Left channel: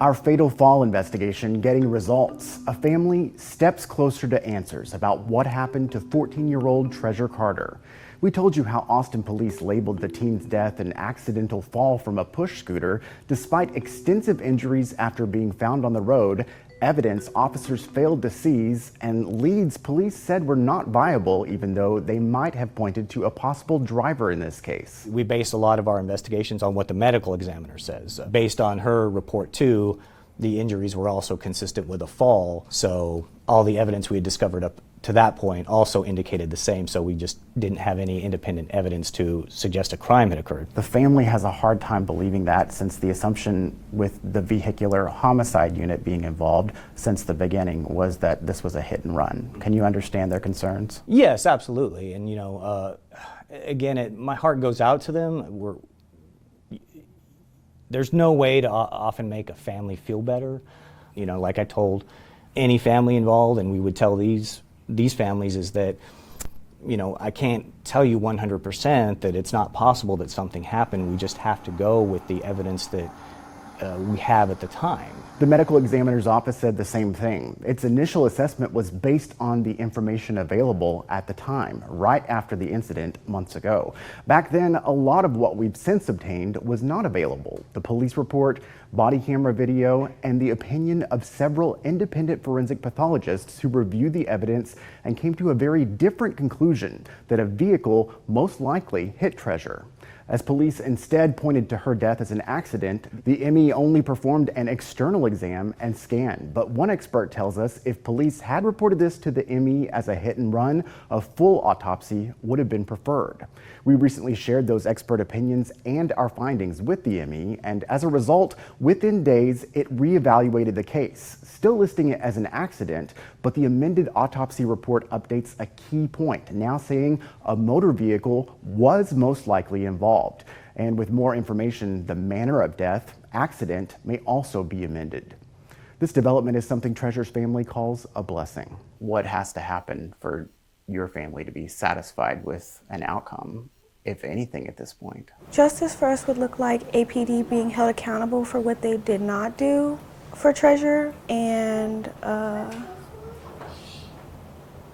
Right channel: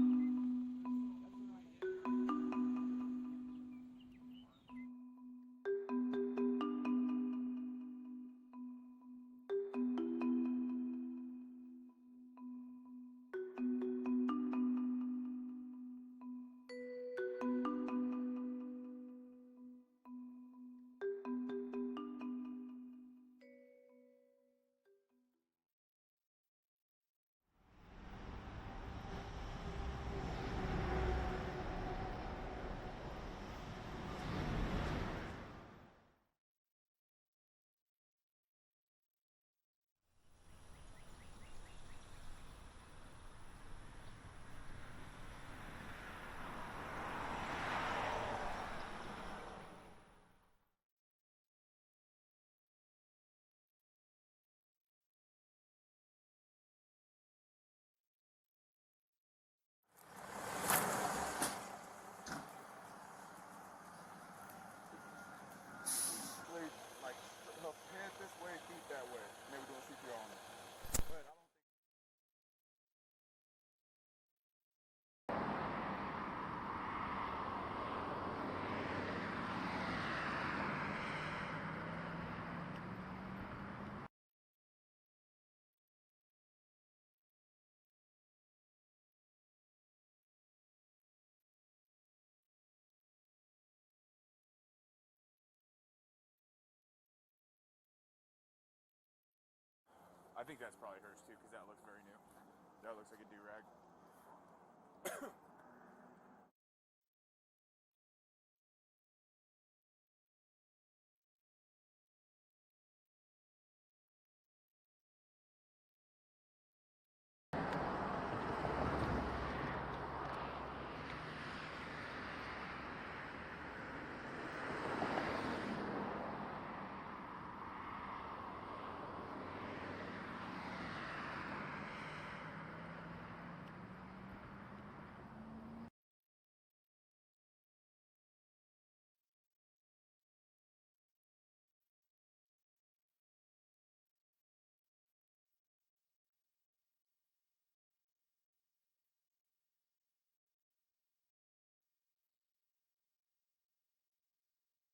Our fatal fall investigation getting results. A family steps closer to answers about what happened to 14-year-old Treasure Carter. We told you how Austin police labeled the teen's death an accidental fall from a push scooter despite extensive injuries after being found on the road, evidence officers failed to seize, and leads police said were not viable even though they might have pointed to a possible driver in this case. We based a lot of our investigations on what the medical examiner says. Based on her report too, the injuries were also consistent with a fall, so all the evidence we had discovered up to that point also indicated the same, so we just didn't have any independent evidence to suggest a crime had occurred. The family has a hard time believing that, since the assumption with the vehicular homicide unit being involved since the beginning was that this was a hit and run. Can you understand their concerns? Yes, absolutely, and again, my heart goes out to them. There's no way to often make a family feel better. Like I told any family involved, and we would tell these families, is that, I can't tell you 100% that it's not possible that something happened. We just have to go with the evidence that we have at the time. The medical examiner's office said the same thing. Its initial assessment was based on the information available at the time, right after the incident months ago. Back then, a lot of what we've since obtained was not available. The police report, body camera video, and the opinion of several independent forensic pathologists who reviewed the evidence and came to a very different conclusion, that a vehicle most likely hit Treasure. As police instead pointed to her death as an accident, the ME only performed an external exam and scan. But one expert tells us if police had reported this to the ME as a hit and run, a full autopsy would have been preferred. We recently shared those expert opinions and our findings with the ME, and as a result, within days, it reevaluated the case, still listing it as an accident, but the amended autopsy report updates a key point, now saying a motor vehicle was most likely involved. And with more information, the manner of death, accident, may also be amended. This development is something Treasure's family calls a blessing. What has to happen for your family to be satisfied with an outcome, if anything, at this point? Justice for us would look like APD being held accountable for what they did not do for Treasure, and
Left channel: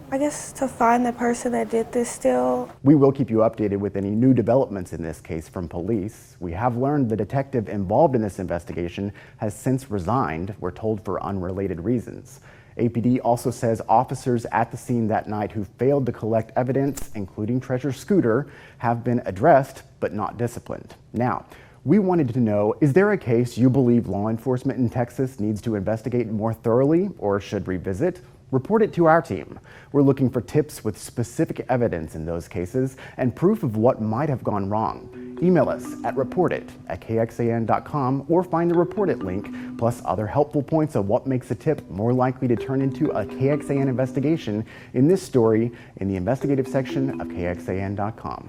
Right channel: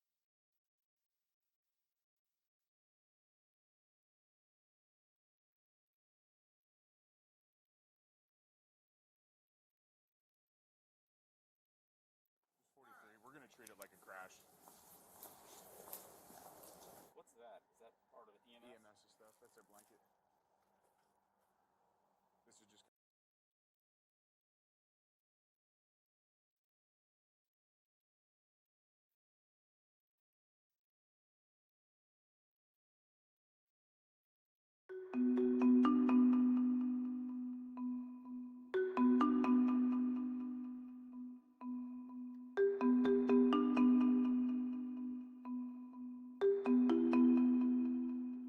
I guess to find the person that did this still. We will keep you updated with any new developments in this case from police. We have learned the detective involved in this investigation has since resigned, we're told for unrelated reasons. APD also says officers at the scene that night who failed to collect evidence, including Treasure's scooter, have been addressed but not disciplined. Now, we wanted to know, is there a case you believe law enforcement in Texas needs to investigate more thoroughly or should revisit? Report it to our team. We're looking for tips with specific evidence in those cases and proof of what might have gone wrong. Email us at reportit@kxan.com or find the Report It link, plus other helpful points of what makes a tip more likely to turn into a KXAN investigation in this story in the investigative section of KXAN.com.